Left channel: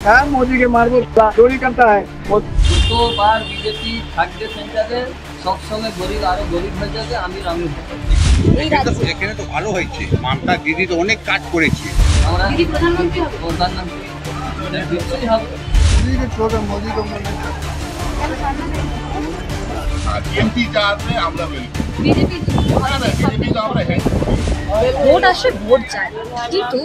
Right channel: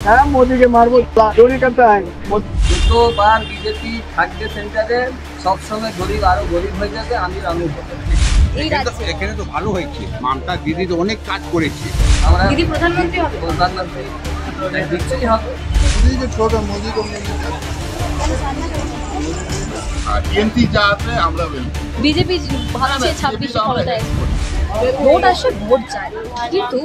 হ্যাঁ, মোদিকে মারবো, চोरी करता है। দুটো বার বিজেপি থাকবে সেন্টারে, সবসময় গরিব আরো গরিব হয়ে যাবে, আমির আমির হবে। এখানে তো ভালো হয়েছে, মমতা দিদি তো অনেক কাজ করেছে। আমরা দিদি প্রধানমন্ত্রী নিশ্চয়ই হবে। मोदी को টিএমসি চাপে আমরা বিজেপি ভোট আসে, ভোট যায়, কিন্তু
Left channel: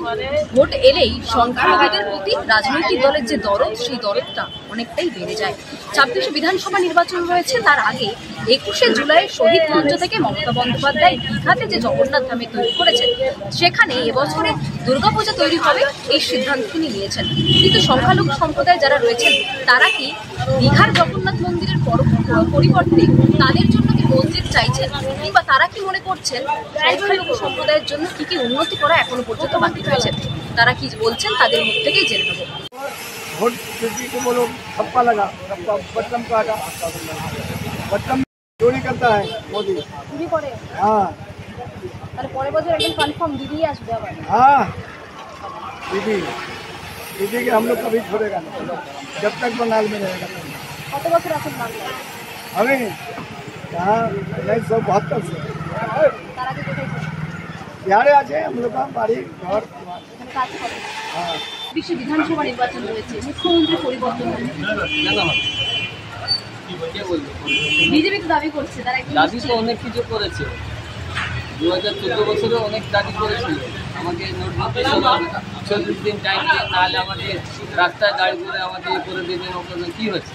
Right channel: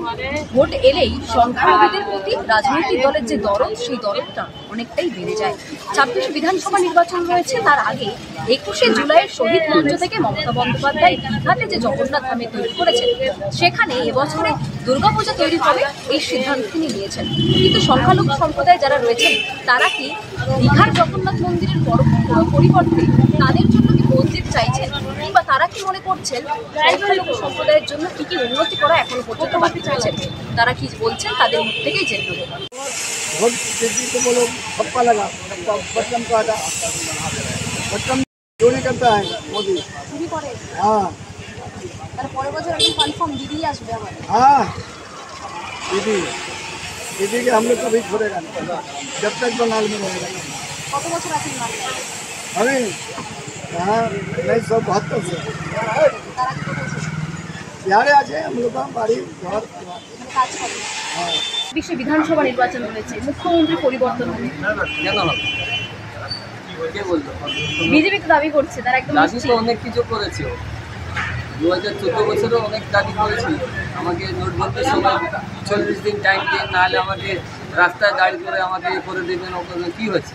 ভোট এলেই সংখ্যালঘুদের প্রতি রাজনৈতিক দলের যে দরদ, সেই দরদটা অনেকটাই বেড়ে যায়। 26 বিধানসভা নির্বাচন রয়েছে, তার আগে 21শে জুলাইয়ের শহীদ মঞ্চ থেকে মমতা বন্দ্যোপাধ্যায় দীঘাতে যে জগন্নাথ ধামে তৈরি করেছেন, সেখানে এবছরে দুর্গাপূজা তৈরি হবে এই সিদ্ধান্ত তিনি নিয়েছেন। কিন্তু সংখ্যালঘু সম্প্রদায় যারা রয়েছেন, তারা কি দীঘার জগন্নাথ মন্দিরের পরিবর্তে তাদের জন্য কি মসজিদ চাইছেন, কিংবা তারা কি মনে করছেন সংখ্যালঘু সম্প্রদায়ের জন্য কি কি উন্নতি করা এখনো পর্যন্ত বাকি রয়েছে? তারা কি বলছেন তাদের মুখ থেকেই জেনে নেব। वोट किसी को बोलो, सबका लगा, सबका बटन का आटा, बटन चोरी करता है मोदी। চুরি করে, हाँ তার পরের বছর একদম কনফার্ম দিদি আসবে আবার। हाँ, दीदी दीदी के हम लोग कभी छोड़ेगा नहीं, जब तक बंगाल में रहेगा। কত বছর আছেন বাংলায়? हमें यहाँ 1972 से তার আগে কোথায় ছিলেন? बिहारे आ जाए हम लोग का बाड़ी घर। এখানে কাজ করেন। हाँ, 26শে বিধানসভা নির্বাচন রয়েছে, মুখ্যমন্ত্রী পরিবর্তন হবে। কেন হবে? কে বলতো? বিজেপি তো দাবি করছে তারা একদম দাবি তো নিশ্চিত। অনেক কিছু করেছে। 2014 বছরে অনেক দাবি করেছিল, আমাকে নোটবন্দির সময় 40 দিন টাইম দিন, নাহলে আমাকে রাস্তায় দাঁড় করে আমাকে করে দেবেন। ওখানে কি হয়েছে?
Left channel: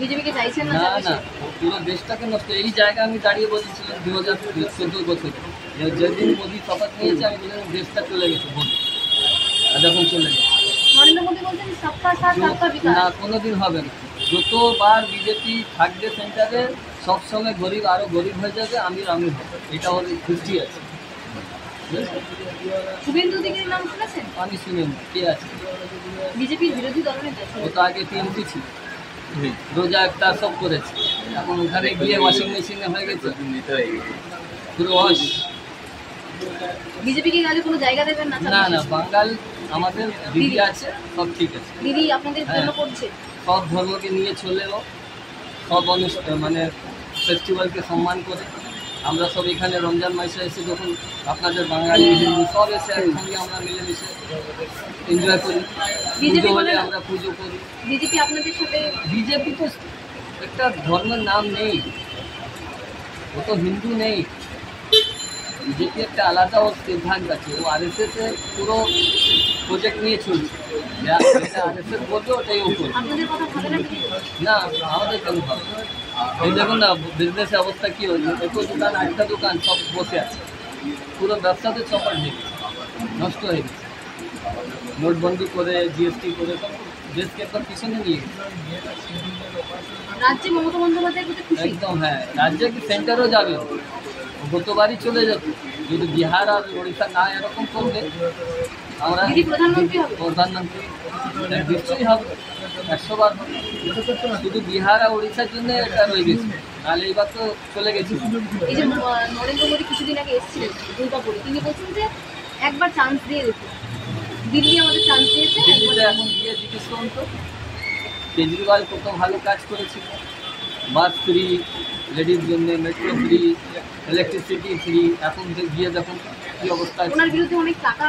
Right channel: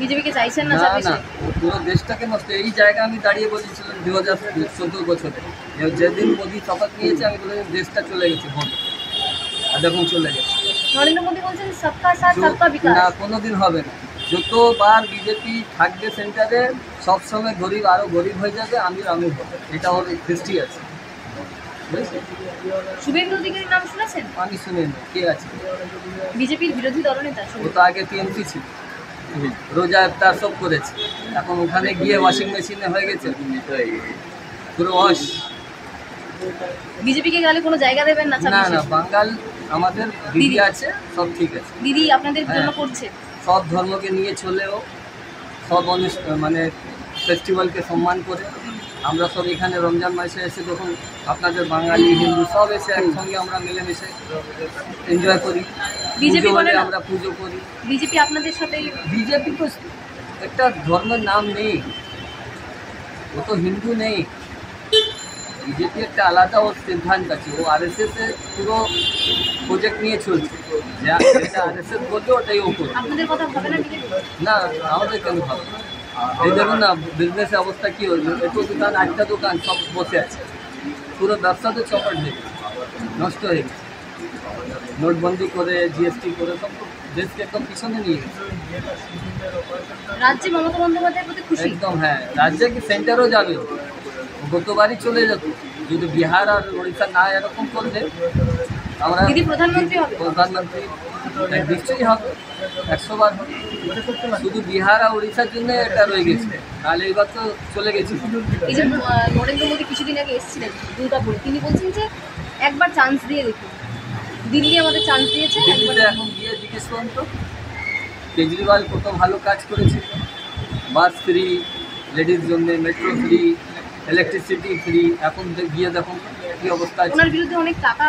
বিজেপিকে চাইছেন না? না না, ও পুরো দেশটাকে নষ্ট। এই জায়গা আমি দাঁড়িয়ে বলেছিলাম 2014 বছরে, যেদিন মোদি শপথ নিয়েছে, আমি বলেছিলাম দেশটা চলে গেছে ভোটে, আর দেখুন চলে গেছে। নরেন্দ্র মোদী বলছেন সবকা সাথ সবকা বিকাশ। না, কোনোদিন হবে না। যতবার বিজেপি থাকবে সেন্টারে, সবসময় গরিব আরো গরিব হয়ে যাবে, আমির আমির হবে। এটা ওর হিস্ট্রি আছে। শুভেন্দু অধিকারীর নাম শুনেছেন? আমি শুনিনি, কে আছে? বিজেপির বিরোধী দলনেতা ছিল। ও তো আগে টিএমসি ছিল, রোজা ইফতার সব করেছে। এখন ওখানে গিয়ে ওয়াশিং মেশিনে হয়ে গেছে পুরো ওয়াশ। বিজেপিকে গেলে কোনো জায়গা দেবেন না? না না, বাঙাল আমাদের দিদি আছে, সব ঠিক আছে। দিদি আপনাদের জন্য করছে। সব ধর্মকে নিয়ে চলেও, সব মানে ফেস্টিভ্যালকে সম্মান করে। আমরা সব এখানে রমজান মাসে এসে যখন আপনাদের বাঙালি হিন্দু সব এসে একসঙ্গে আমরা মিলেমিশে এনজয় করি। পুজো হলে আমরা পুজো করি। বিজেপি আপনাদের সাথে? বিজেপি তো একটা ধর্মের নাম নেই, ও তো হিন্দু নেই। বিজেপি একটা আলাদা ওর সিদ্ধান্ত আছে। ও আরএসএস এর পুরো প্রজেক্ট নিয়ে চলছে, যেটা আরএসএস বলছে ওটাই ও করবে। আপনাদের কথা ভাবে না বিজেপি? না, আমাদের কেন ভাবে? এই দেখুন না, বিজনেসের অবস্থা কী হয়েছে। একটু দোকান, 8টা দোকান সব বসে আছে, পুরো ব্যবসাতে চপাট হয়ে গেছে, নষ্ট হয়ে গেছে। নোটবন্দি করে, জিএসটি করে সব দেশকে একদম পিছনে নিয়ে গেছে। রাজ্যে মমতা বন্দ্যোপাধ্যায়ের প্রতি খুশি? একদম, হ্যাঁ। রাজ্যে কি সেন্টারও যাবে, ও গতবারই চলে যেত। যদি বিহার আর ওড়িশা না এরকম করলে, আমরা দিদি প্রধানমন্ত্রী হবে? প্রধানমন্ত্রী নিশ্চয়ই হবে, 100 বার হবে। শুধু বিহার আর ওড়িশার জন্য এটা রয়ে গেছে, নাহলে এইবার তো চলে গেছিল। এই যে নরেন্দ্র মোদী কিছুদিন আগে এসেছিলেন দুর্গাপুরে, তিনি বলছেন যে একবার চান্স দিয়ে দেখুন। দিল্লি আমাদের চান্স দিয়েছে। দিল্লিতে এখন গিয়ে জিজ্ঞেস করুন তো, কেজরিওয়াল কত ভালো কাজ করেছিল। বাস ফ্রি, লেডির জন্য মেট্রো ফ্রি, ইলেকট্রিসিটি ফ্রি। এখন গিয়ে দেখুন কী অবস্থা আছে। ওনার বিরুদ্ধে অনেক টাকা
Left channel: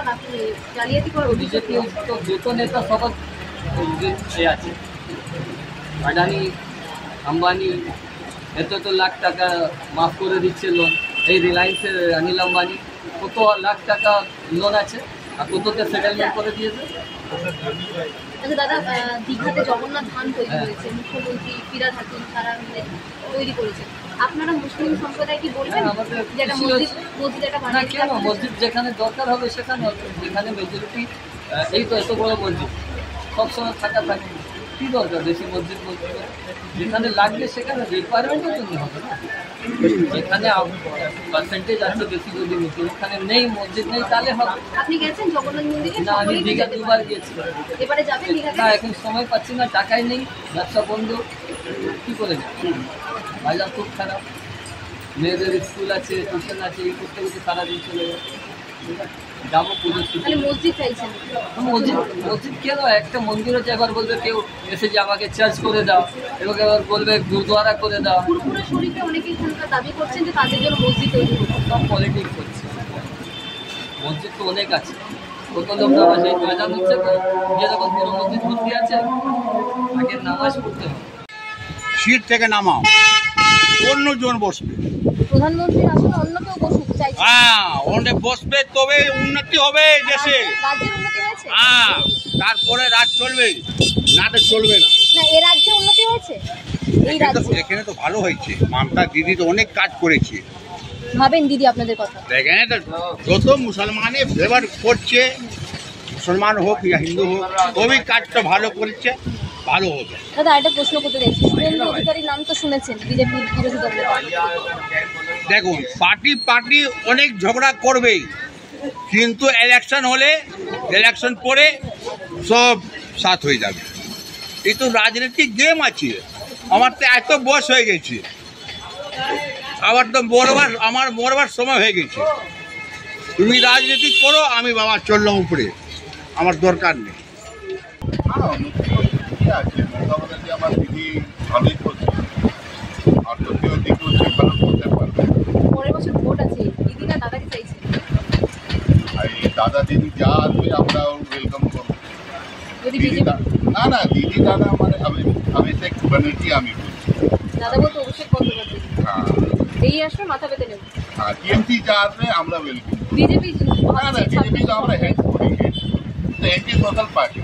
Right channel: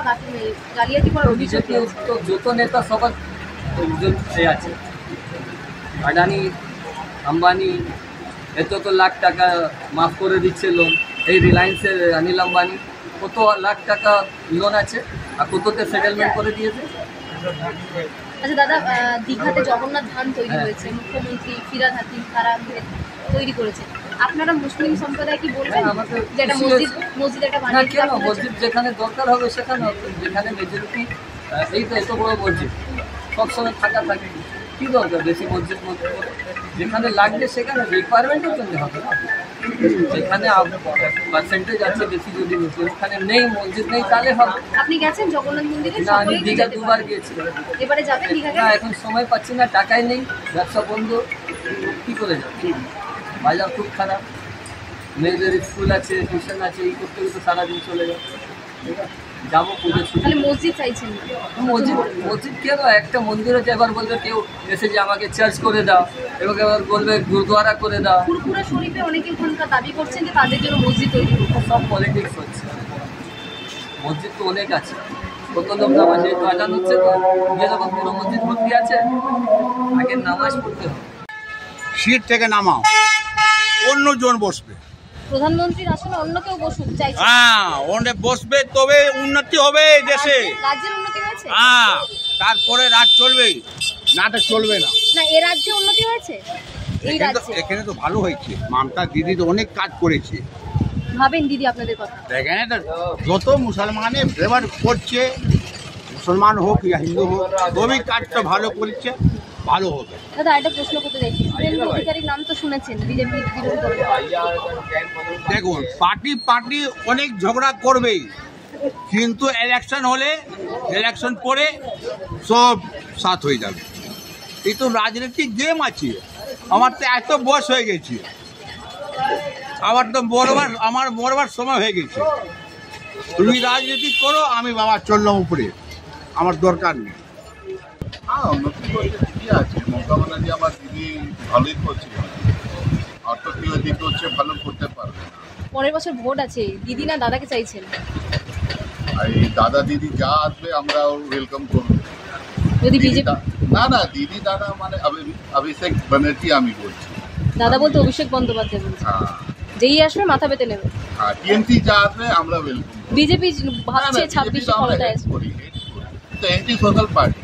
জালিয়াতি করা বিজেপি তো যত নেতা সবার আছে, আদানি আম্বানি এত লাখ টাকা মাফ করে দিচ্ছে লোন। এই রিলায়েন্সের অনিল আম্বানি কত লাখ টাকা লোন আছে, আর কততে সেটেলমেন্ট করে দিয়েছে। আচ্ছা দাদা, দীঘাতে জগন্নাথ ধাম তৈরি হয়েছে, মুখ্যমন্ত্রী ফিরহাদ হাকিম তারা মিলে তৈরি করেছে। আপনারা মুসলিম সম্প্রদায় কি বলবেন আমাদের যে একটা মসজিদ একটা না, কেন? মসজিদ যেখানে দরকার হবে সেখানে হবে, যেখানে মেজরিটি। এই তো এত বড় মসজিদ সবসময় ফাঁকা থাকে, কী দরকার বেশি মসজিদ? যেখানে লাগবে সেখানে, রিকোয়ারমেন্টের জন্য হবে না। যেখানে পার্সেন্টেজ আছে বেশি, যদি মুসলিম ওখানে নেই, মসজিদ নেই, তাহলে হবে। আপনি গেছেন জগন্নাথ মন্দিরে? না, আমি দীঘা 2 বার গিয়েছিলাম। এবারে যাবেন দীঘাতে? না, এখন সময় পাচ্ছি না, টাকাই নেই, ব্যবসা বন্ধ, কী করে যাব? বাজার খুব খারাপ, মেয়েদের স্কুল আছে, টিউশন আছে, এই করতে করতে সারাদিন চলে যায়। ঠিক আছে। যাবো পুজো ছুটি। তাহলে মসজিদ চাইছেন? মসজিদ মসজিদ কেন, একটা মন্দির হচ্ছে, এবার বলবে কেউ এসে যে আমাকে চার্চ করে দাও, এবার বলবে গুরুদ্বারা করে দাও। ফুরফুরা শরীফে অনেকে এখানকার দাবি করছেন যে তাদের জন্য মসজিদ তৈরি করতে। সব পলিটিক্স হচ্ছে। মসজিদ তো অনেক আছে, কত লোক নামাজ এই ময়দান হচ্ছে তো, গিয়ে যখন পুরো মসজিদ ভর্তি আছে, আগে নামাজ পড়তে হবে। সিট থেকে নামাও, অন্যজন বসবে। প্রধানমন্ত্রীর আসলে অন্য কেউ বসুক চাইছে। হ্যাঁ, ওখানে বসবে, তবে উন্নতি হবে এই দেশে। রাজ্যের উন্নতি হয়েছে? হ্যাঁ, তারপরে রাজ চলবে, না তো চলবে না। না, এ রাজ্যে উন্নতি হয়েছে? এই রাজ্যে এখানে তো ভালো হয়েছে, মমতা দিদি তো অনেক কাজ করেছে। ভাবেন দিদি আপনাদের কথা? এখানে তো যত মুসলমানে ফেভার করছে, মুসলমান হোক ইয়া হিন্দু হোক, সবই কাজটা ভালো করেছে, ভালো হবে। দাদা একটা প্রশ্ন করতে চাইছি, শুভেন্দু অধিকারীর নাম তো শুনেছেন, বিজেপির বিরোধী দল। দেখুন, পার্টি অনেক ঝগড়া করবেই, কিন্তু ইলেকশন হলে, ইলেকশন পরে সব সাথ হয়ে যাবে। এই তো রাজনৈতিক গেম আছে। আমার তো এত বয়স হয়ে গেছে, আবার তো আমার মরবার সময় হয়ে গেছে। তুমি রাজনীতি করো, আমি বাবা চললাম উপরে, আমার দরকার নেই। হ্যাঁ, উন্নতি করতে ঠিকই আছে। মমতা ব্যানার্জি আমার দিদি ভালোই করছে, আর তো কেউ দিকে হচ্ছে ভালো করতে পারবে না। পরের বছর ভোট আছে, দিদি না দাদাকে চাইছেন? আর এই দাদা দিদি যা আসবে আমরাও ওয়েলকাম করবো। যদি দিদি বিজেপি না দিদি দাদা মানে অভিষেক ব্যানার্জি আমি বলছি। দাদা বলতে অভিষেক বন্দ্যোপাধ্যায় বলছে। হ্যাঁ যেই আসবে মাথা পেতে নেবে। হ্যাঁ, টিএমসি যা আসবে আমরা ওয়েলকাম। বিজেপি না ভাবছে বিজেপি 26 তো আমরা ক্ষমতায় হেড আসবে। করি, তো এন্টি সোশ্যাল পার্টি।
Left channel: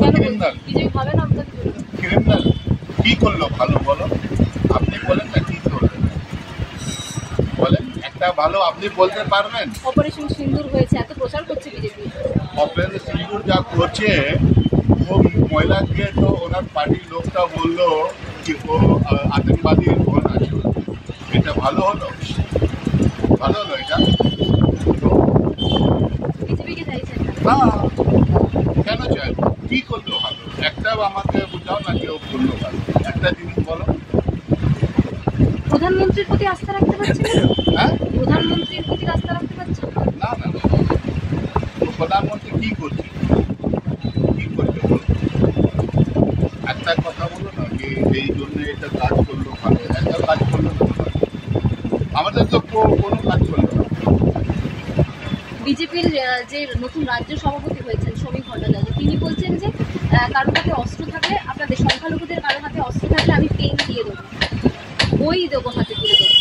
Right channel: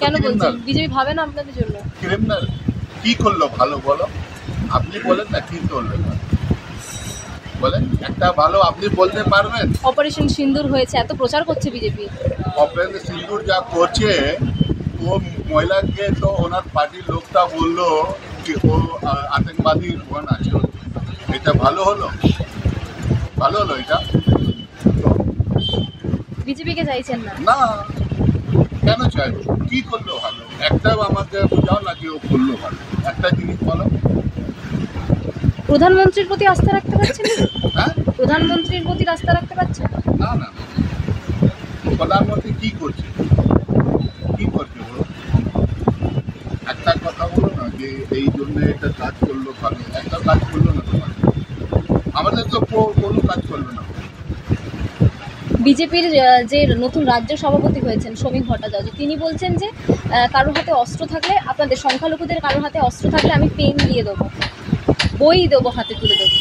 কেন বলছেন? ক্রিমিনাল বিজেপি ভাবে না আপনাদের জন্য? ক্রিমিনাল কি করলো ভালো বলো? আপনি বলেন না, কি করলেন বলেন একটা ভালো, আপনি বলতে পারবেন? অপারেশন সিন্দুর হয়েছে, এত প্রচার করছে বিজেপি। অপারেশন সিন্দুর যা করছে, ও মহিলাকে তো ওনার পার্টির লোকটা বললো যে ও আতঙ্কবাদী ওখান আছে। এটা ভালো হলো? ভালো হলো এটা? বিজেপিকে চাইছেন না? না, কেন চাইবো? কি করলো ভালো? একটা আমাকে বোঝাও না যে ও করলো ভালো, একটা জিনিস বলো। প্রধানমন্ত্রীর প্রতি আস্থা রাখতে পারছেন না? হ্যাঁ, প্রধানমন্ত্রীর প্রতি আস্থা রাখতে পারছেন না? না না না। প্রধানমন্ত্রী কি করছে, কি করছে বলো? একটা কথা বলো না যে এই জন্য এটা কাজ করলো ভালো, একটা কাজ করলো না তোমার। আমাদের তো কোনো কাজ করলো না। বিজেপির যে নতুন রাজ্য সভাপতি হয়েছেন শ্রমিক ভট্টাচার্য, তিনি বলছেন যে কারোর হাতে অস্ত্র থাকলে, আপনাদের সংখ্যালঘুদের কারোর হাতে অস্ত্র থাকলে আমি পেন দিয়ে দেবো, বই দেবো, হাতে তুলে দেবো।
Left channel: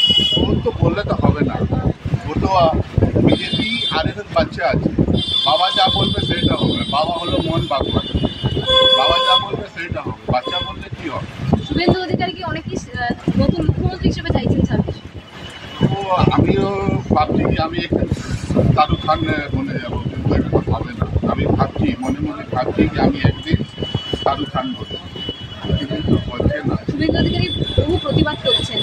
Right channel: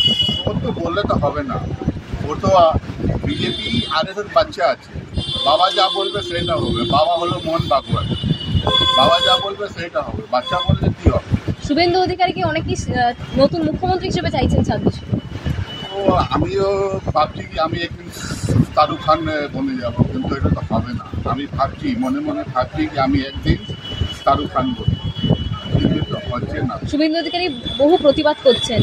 ও তো বললে তো হবে না, ও তো বিজেপি আর এর বাচ্চা আছে। বাবা যা বলবে সেটা হবে। বাবা হলো মোহন বাগবান, বাবা যা বলবে সেটা হবে, বাচ্চা বললে কি হবে? শুভেন্দু অধিকারীকে অনেকেই নতুন মুখ্যমন্ত্রী হিসেবে চাইছেন 26। তো আমিও ভাবছি কি আমি একদিন শাহরুখ খান বনে যাবো, কিন্তু এটা তো হবে না। আমি ভাবছি, মনে মনে ভাবছি কি আমি একদিন শাহরুখ খান বলবো, কিন্তু তো হচ্ছে না। শুভেন্দু অধিকারী বহু প্রতিবাদ করছেন,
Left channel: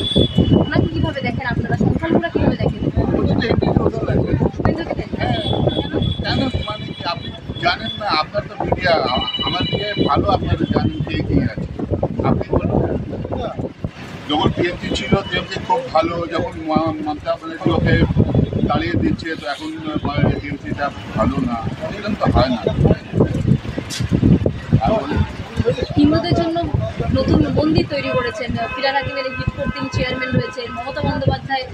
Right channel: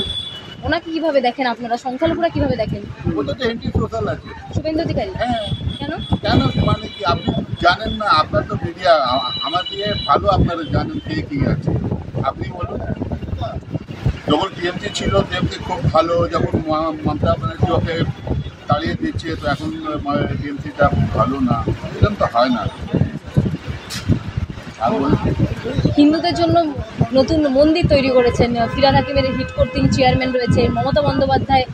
ওনাকে কিভাবে দেখেন আপনারা? সংখ্যালঘুরা কিভাবে দেখেন ওটা তো একটি সোশ্যাল আছে। শুভেন্দু অধিকারী? হ্যাঁ, কেন? কেন মানে কি আপনি জানেন না? আপনার তো মিডিয়া, আমার দিয়ে ভালো আপনারা জানেন কে কি আছে। আপনি বলুন, যখন টিএমসি ছিল টিএমসি খুব ভালো, যখন মমতা ব্যানার্জি ওকে তাড়িয়ে দিচ্ছে তো এখন টিএমসিটা ভালো না, এরকম তো হয় না। আর বলুন, হিন্দুদের জন্য নতুন মন্দির তৈরি করেছেন, ফিরহাদ হাকিমের হিট করতে চেয়ারম্যান রয়েছে, মমতা বন্দ্যোপাধ্যায়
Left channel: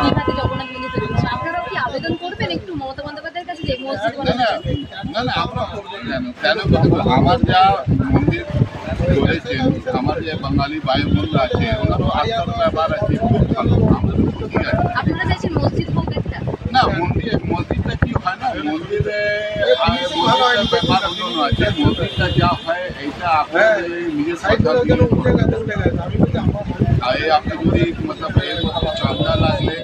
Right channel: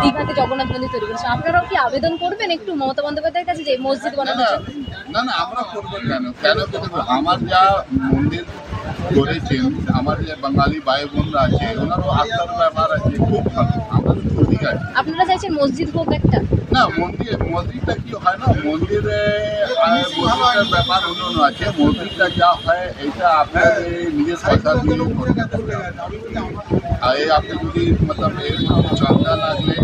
দীঘাতে জগন্নাথ মন্দির তৈরি করেছেন। আপনারাও কি আবেদন করবেন একটু মমতা বন্দ্যোপাধ্যায়ের কাছে যে মসজিদ না বানানোর জন্য? না না, আমরা করবো কেন? কেন করবো? আমার যা মন্দির করেছেন, আমার যে বাঙালি ভাই বোনরা আছে, ওনারও আস্থার ব্যাপার আছে, খুব ভালো, আমাদের খুব ঠিক আছে। আপনারা চাইছেন মসজিদ হোক একটা? না, মসজিদটা কি হয় না, মসজিদের ব্যাপার অন্য আছে। মসজিদটা যা হয় এইটা আপনাদের নিজের পয়সা দিয়ে আর আপনি যদি মতলব এর মধ্যে চাঁদা লাগলে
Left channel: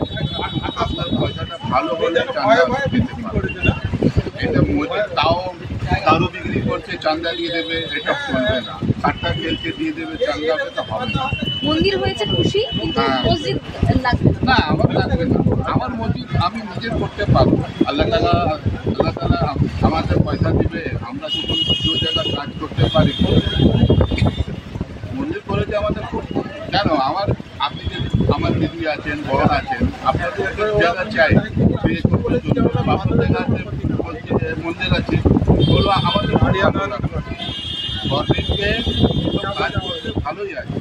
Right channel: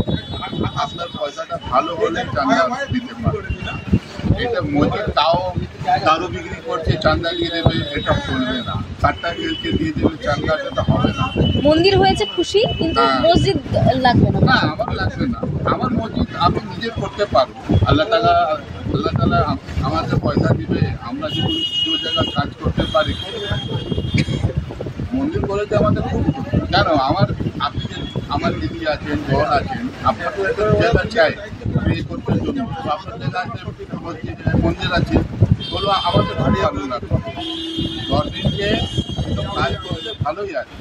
আপনার পয়সাটা ভালো হলে চাঁদা দিতে পারবেন। এটা মসজিদ তাও দারু বিক্রি করছে, চাঁদা দিয়ে দেবে, এটা চলবে না। কাটটা খেলছে দিয়ে দেবে চাঁদা, সেটা হবে না। মন্দির হয়েছে খুশি, কিন্তু হ্যাঁ। মসজিদ লাগবে না। না, আমার লাগবে না। আমার মসজিদ আমি নিজে করতে পারবো। আল্লাহ তাআলা আমাদের পয়সা দিবে, আমরা যখন দু জায়গায় কাজ করতে পারি। মন্দির করে করতে আমাদের খুব জানো আপনি যে আমার দিদি আছেন বোন আছেন আপনার তো একটা জায়গা চাই বিয়ে করতে জন্য আপনার জায়গা আছে মন্দির আছে ওগুলো আমাদের খুব ভালো লাগে গভর্নমেন্টকে কাজ করতে ভালোই আছে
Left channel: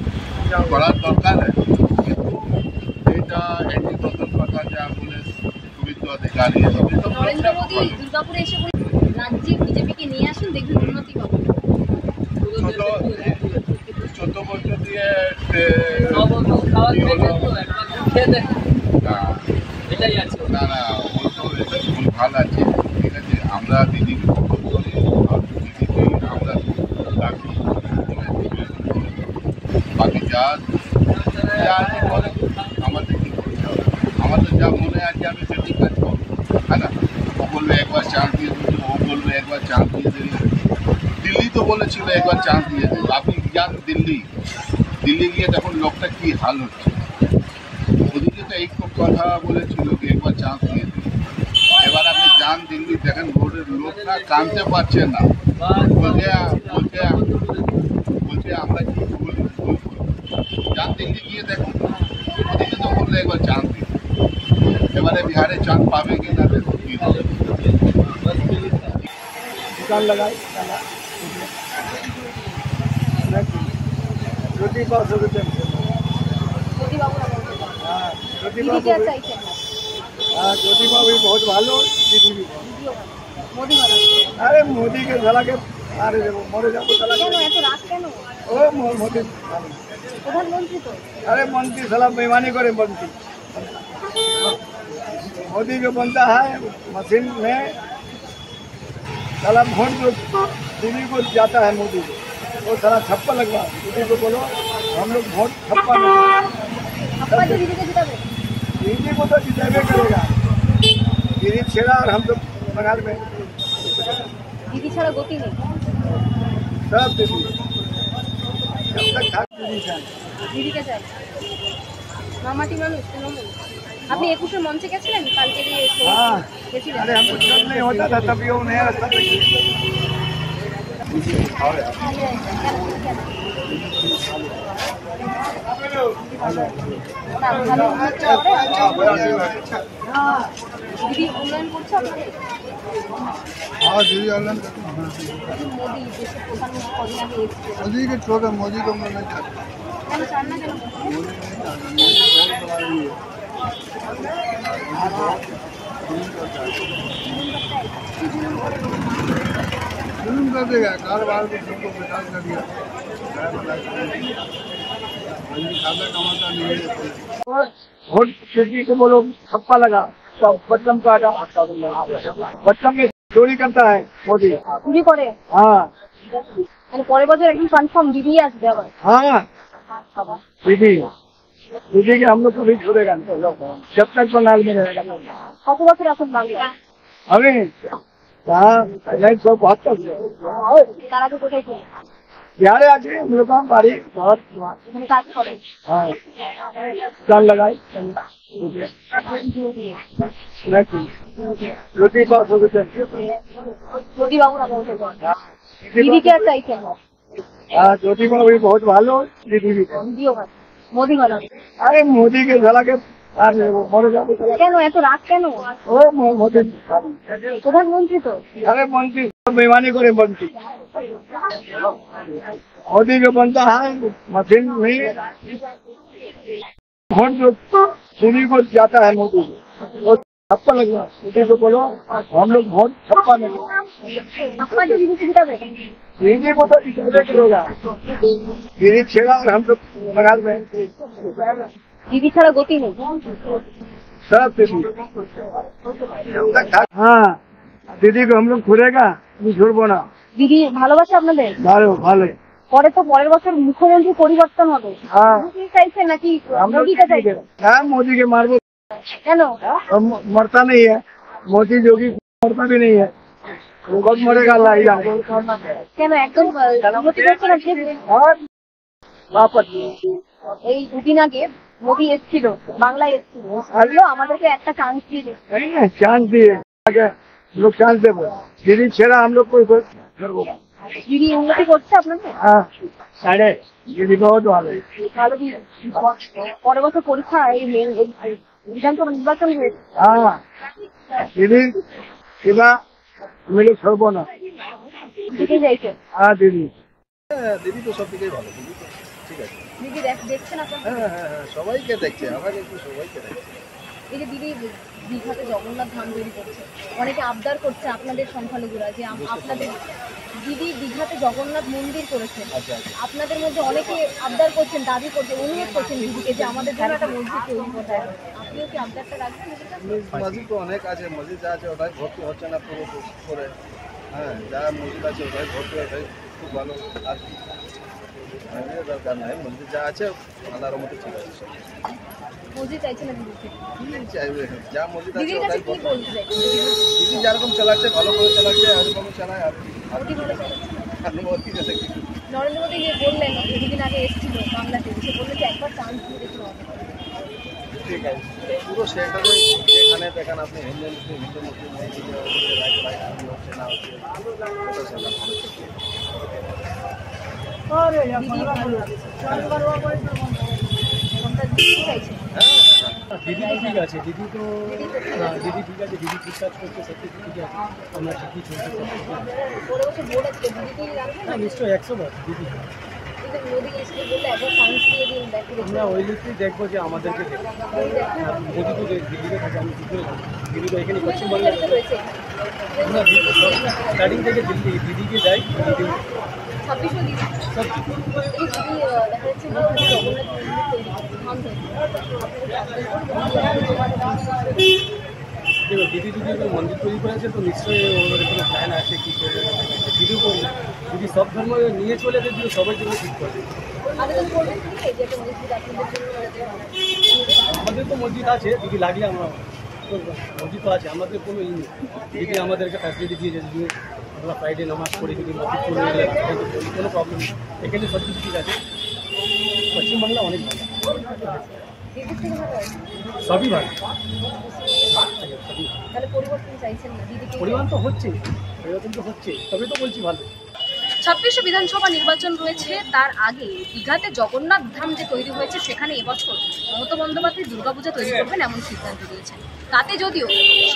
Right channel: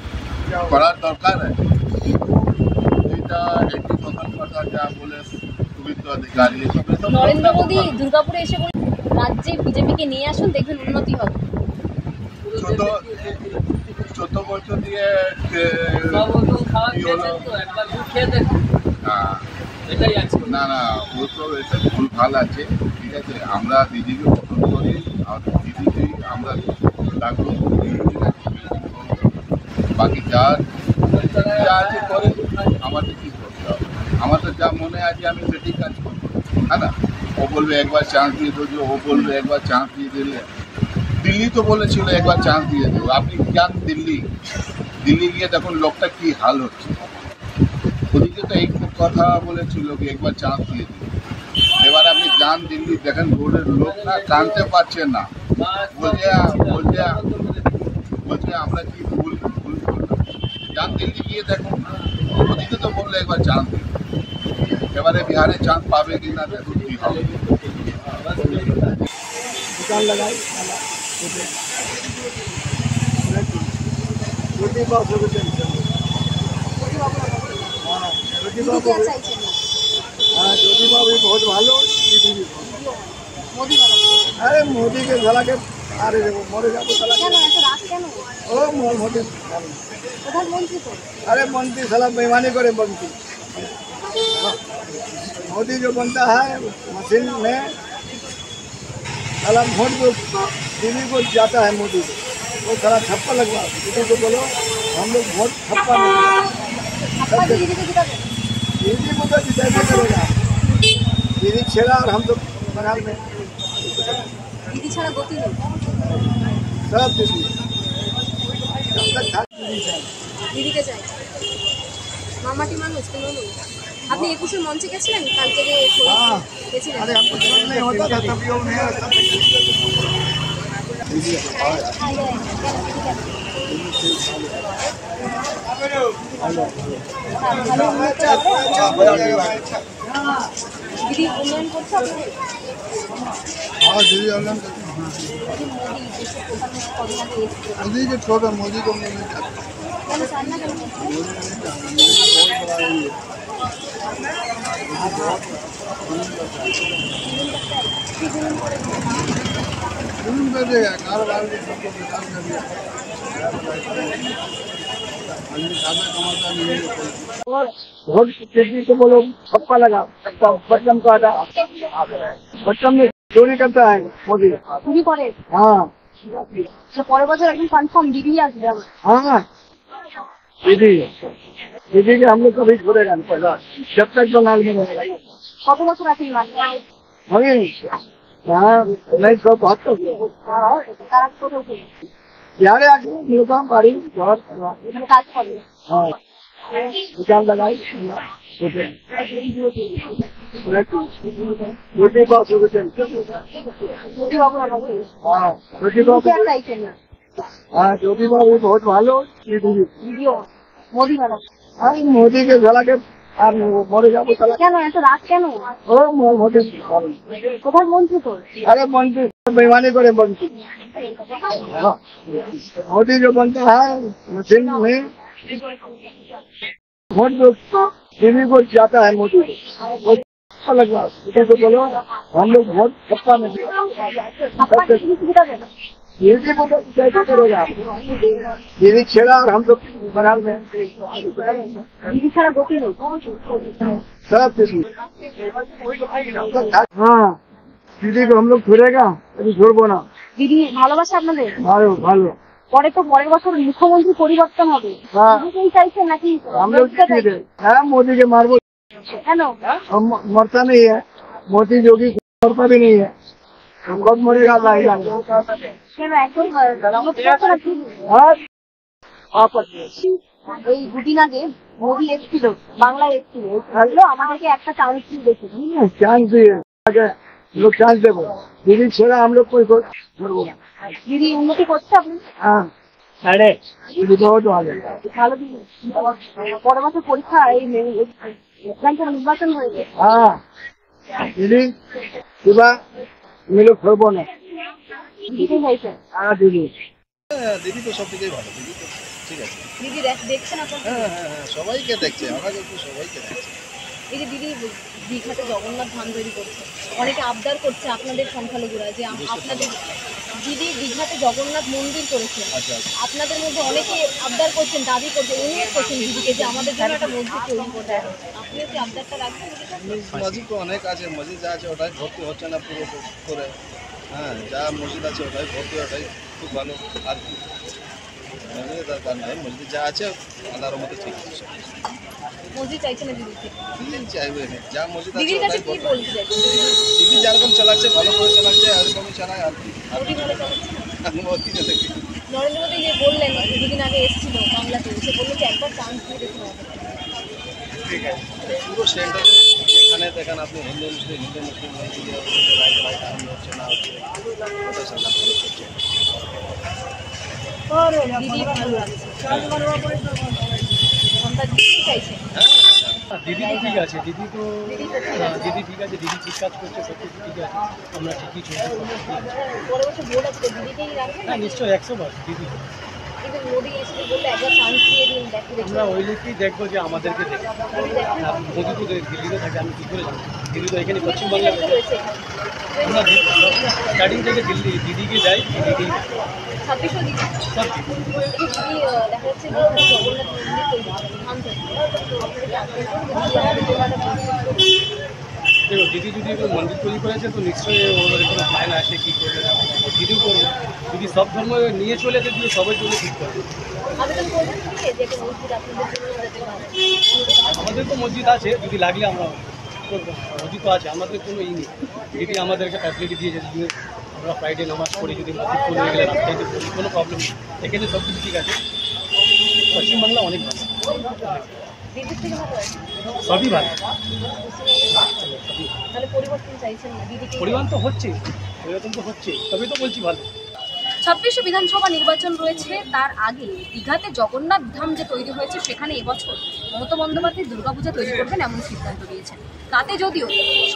করার দরকার আছে কিন্তু এটা একটি দখল কথা যা বলে শুভেন্দু অধিকারী নরেন্দ্র মোদী দুর্গাপুরে এসে বলে রাজ্যে বিজেপিকে নিয়ে আসুন দেখবেন উন্নতি হবে। 14 বছর দিয়ে খাওয়া খেয়েছেন তো একবার খেয়ে দেখুন এটাই আছে। না ও তো এটা ভুল ভাল আছে ঠিক আছে আমরা দিদিকে পছন্দ করি আর দিদিকেই আমরা রাখবো ঠিক আছে বাকি যা আছে করে আমাদের কি করতে হবে আমাদের যা মনে আছে আমি সেটি কাজ করবো হ্যাঁ না ও বলবে একবার চান্স দিয়ে দেবো ও বলবে একবার চান্স দিয়ে দিলে দিল্লি তো বলেছিল একবার চান্স দিয়ে দেবো আপনি যান দিল্লি গিয়ে দেখুন লোকটা কি হাল হচ্ছে ওদিকে তো এই কথা বলেছিল কি একবার চান্স দিয়ে দেবে এবার আপনি যান দিল্লি দেখেন রোডের লোক না কানতে পারছে না বলছে আমরা কি ভুল করলাম যান দিল্লি গিয়ে দেখুন ওদিকে তো বললে একবার চান্স দিই এবারে বিহারে চান্স পাবে কি না দেখুন কি হবে दुकान लगाई रोटी पाव सौ रुपये हाँ रोटी पाव हाँ रोटी पाव भी बहुत भालो दीदी भी अरे मोदी के साला के अरे देखो मोरे जाबो साला ओ मोदी अरे मंत्री साला बेईमानी करे मंत्री मोदी जो बनता है मशीन में साला वोट जो दीदी को जाता है मोदी को वो साला छप्पा लगवा दीदी को बोलो हम लोग वोट छप्पा नहीं दीदी को तो जिताबे करेगा दीदी छेड़ा और हम लोग बंगाल में दीदी छाड़ा गति नहीं सब दीदी जब तक था दीदी चाहिए दीदी के चाই মামাটি মানুষ কোনো আপনি 21 মঞ্চে গেছিলেন কালকে যে हाँ গেছিলেন अरे हमको चल नहीं होता था तब ये उन्हें सब দিদি উন্নয়ন করছে আপনাদের हाँ दीदी ऑनलाइन करते हैं মোদি দেশের প্রধানমন্ত্রী কদিন আগে এসেছে मोदी के छोटा मोदी को हम लोग नहीं चाहते কেন চান না কেন मोदी नहीं चाहते मोदी बहुत बड़ा है ये जुलूम कर देगा कारोबार भी सबको बेकार कर दिया आदमी खाता कमाता नहीं है वोट किसी को बोलो छप्पा लगा बटलम काटा बटलम में चोरी करता है मोदी চুরি করে हाँ তাহলে পরের বছর একদম কনফার্ম দিদি আসবে আবার हाँ दीदी दीदी के हम लोग कभी छोड़ेगा नहीं जब तक बंगाल में रहेगा কত বছর আছেন বাংলা हमें यहाँ 1972 তার আগে কোথায় ছিলেন बिहारे आके हम लोग का बाड़ी घर এখানে কাজ করে हाँ दुकान लगाई रोटी पाव सौ रुपये মোদি বাবু না বলতে हाँ रोटी দিদি पाव কে আর চাইছেন না हाँ रोटी पाव भी बहुत भालो दीदी भी দিদিও হয় মোদি বানাবে अरे मोदी के साला के अरे वो मोरे जाबो साला কেন এত রাগ কেন ओ मोदी প্রধানমন্ত্রী তো अरे मंत्री बेईमानी करे मंत्री मोदी जो बनता है मशीन में वोट जो दीदी को जाता है मोदी को वो छप्पा लगवा दीदी को बोलो हम लोग वोट छप्पा में আপনার দিদি সুবিধা দেবে दीदी को तो जिताबे करेगा दीदी छेड़ा और हम लोग बंगाल में দিদি ছাড়া গতি নেই सब दीदी जब तक था हाँ दीदी को हम लोग छोड़ेगा अभी छोड़बो ना দিদি ভালোবাসে আপনাদের भालो भालो পরে তো পরের বছর মুখ্যমন্ত্রী পরিবর্তন হবে हाँ দিদিকেই চাইছেন নাকি हम लोग মোদিকে চাইছেন हाँ मोदी के मारबो কেন हम मरता नहीं है मोदी जोगी मरता भी नहीं है कब मरेगा अल्लाह ही जाने কেন একদম উন্নতি করছে না ঠিক हाँ वापस এই দুদিন আগে মোদি এসেছিল বাংলায় এসেছিল বললো আমাদেরকে একটা চান্স দিয়ে দেখি नहीं है चांस दिए आगे लोग चांस देवो दीदी छेड़ा हम लोग कोई छोड़बो ना দিদি উন্নতি করছে আপনাদের हाँ দিদি বহুত ভালো। ভালো দিন। পরের বছর পরীক্ষা এই বিধানসভা নির্বাচন হয়েছে। হ্যাঁ দিদি কিবা আমি লোক সরব না। দিদি যাইছেন? হ্যাঁ দিদি। দিদি তো সব দিকেই ভালো, দিদি তো ঠিক আছে। দিদি দেখছেন আপনার? হ্যাঁ হ্যাঁ হ্যাঁ, সবাইকে দেখছে, আমাকে একটু সবাইকে দেখছে। এই যে দিদি দীঘাতে জগন্নাথ ধাম তৈরি করছে, অনেকে আবদার করছে আপনাদের সংখ্যালঘুরা যে আপনাদের দিদি দীঘাতে জগন্নাথ মন্দির করেছেন। আচ্ছা আচ্ছা। আপনাদের মধ্যে অনেকে আবদার করছেন, দাবি করছেন, অনুরোধ করছেন দিদিকে যে আমাদের জন্য একটা মসজিদ তৈরি করতে হবে। আপনিও কি আবদারটা রাখবেন? মসজিদ তো অনেক আছে, মসজিদ যা আছে ওটাই ভর্তি হচ্ছে না পুরো করে। হ্যাঁ, যা মসজিদ আছে ওটাই ভর্তি, ওটাই খুব ভালো। আর কি মসজিদের দরকার নাই, মসজিদ যা আছে আল্লাহর মতো ঠিক আছে সব। মসজিদ চাইছে না দিদি থেকে? কি চাইবে, যা মসজিদ আছে দিদির ওটাই কাছে কি ভর্তি। বলতে চাইছেন? দিদি যেরকম চালাচ্ছে ভালো করে চালাচ্ছে, এরকমই চালায় আর কি। মোদি ভালো চালাচ্ছে না? মোদি চালাচ্ছে কি? নরেন্দ্র মোদী বললেন দুদিন আগে এসেছিল বাংলাতে, এসে বললেন যে একবার চান্স দিয়ে দেখুন আমাদের। ঠিক আছে, পুরো সেন্টারে যেখানে দেখেন আপনি হিন্দু মুসলিম এইদিকে ওইদিকে রাইট কি হচ্ছে না হচ্ছে, ওটা সরকার ফলো করছে। দিদি ভালো লাগছে। মমতা দিদি চাইছে। হ্যাঁ হ্যাঁ দিদি তো ঠিক আছে, দিদি তো দিদি তো ঠিক আছে। দিদি ঠিক আছে, দিদি ঠিক কাজ করছে, সব কিছু ঠিক আছে, আমরা ঠিকই চলছি। পরে বছর ভোট আছে, দিদিকেই রাখবেন না? হ্যাঁ নিশ্চয়ই 100বার দিদি। কিন্তু মোদী এসে বললে একবার চান্স দিয়ে দিন, দেখে দেখুন। আমরা ওই লিখেই দেখবো যে আমাদেরকে দেখে। মোদী দেখেন আর মোদি তো দিল্লিতে থাকে, আমি কী করে জানি? দিদি তো এখানে পুলিশ পশ্চিমবাংলায় অধিকারিতা রয়েছে এখানে। আমরা স্টার্টিং থেকে দিদিকে যাই, দিদিকেই 26 দিদি সব দিদি। এই যে দিদি দেখা যাচ্ছে দীঘাতে জগন্নাথ মন্দির তৈরি করছে, ধাম তৈরি করছে। আপনারা কি আবেদন করবেন যে আমাদের দীঘাটা মন্দির তৈরি করছে? দেখো দিদি যদি কোনো মন্দির তৈরি করেছে তো নিশ্চয়ই ওদের কোনো প্ল্যান আছে কী করবে না করবে। দিদিও করবে, দিদি সব ধর্ম নিয়ে চলে দিদিও সবার জন্য ঠিক করবে। আবেদন করবেন দিদি যে একটা মসজিদ আপনাদের জন্য যাতে বানায়? আমাদের তো মসজিদ আছে, যদি লাগলে আমরা করবো। মসজিদ তো আছে, আমাদের কোনো ই নেই। দিদি আমাদেরকে ফ্যাসিলিটি দিয়েছে, যদি আমরা ফ্রাইডে নামাজ পড়ি, যদি মসজিদ পড়ে গেলে রাস্তায় পড়ি, কোনো প্রবলেম নেই। এখানে সব কিছু ঠিক আছে, পশ্চিমবাংলা অনেক ভালো, দিদির থেকে ভালো আছে? সবই ভালো। তাহলে পরিবর্তন চাইছেন না দিদিকে? পরিবর্তন তো হচ্ছে, তবে তো বলছি ভালো। 26 বিধানসভা নির্বাচন রয়েছে, তার আগে দীঘাতে জগন্নাথ ধাম যে তৈরি হয়েছে সেখানে এবছর মমতা বন্দ্যোপাধ্যায় দুর্গাপূজা তৈরি করবেন এমন সিদ্ধান্ত নিয়েছেন। তাতে যদিও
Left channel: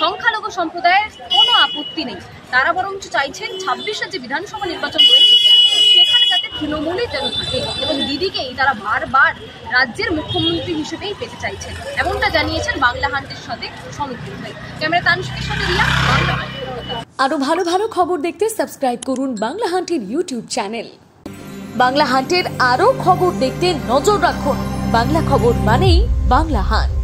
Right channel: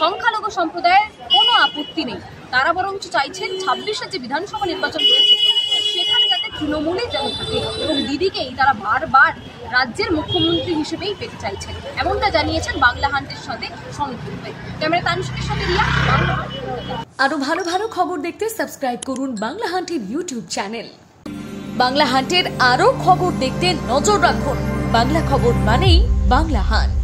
সংখ্যালঘু সম্প্রদায়ের কোনো আপত্তি নেই, তারা বরঞ্চ চাইছেন 26 যে বিধানসভা নির্বাচন রয়েছে সেখানে যাতে তৃণমূলই যেন থাকে এবং দিদিকেই তারা বারবার রাজ্যের মুখ্যমন্ত্রী হিসেবেই পেতে চাইছেন, এমনটা জানিয়েছেন বাংলা হান্টের সাথে সংযুক্ত হয়ে। ক্যামেরা তানসিকের সাথে রিয়া, বাংলা হান্ট, কলকাতা। আরো ভালো ভালো খবর দেখতে সাবস্ক্রাইব করুন বাংলা হান্টের ইউটিউব চ্যানেল। বাংলা হান্টের আরো খবর দেখতে নজর রাখুন। বাংলা খবর মানেই বাংলা হান্ট।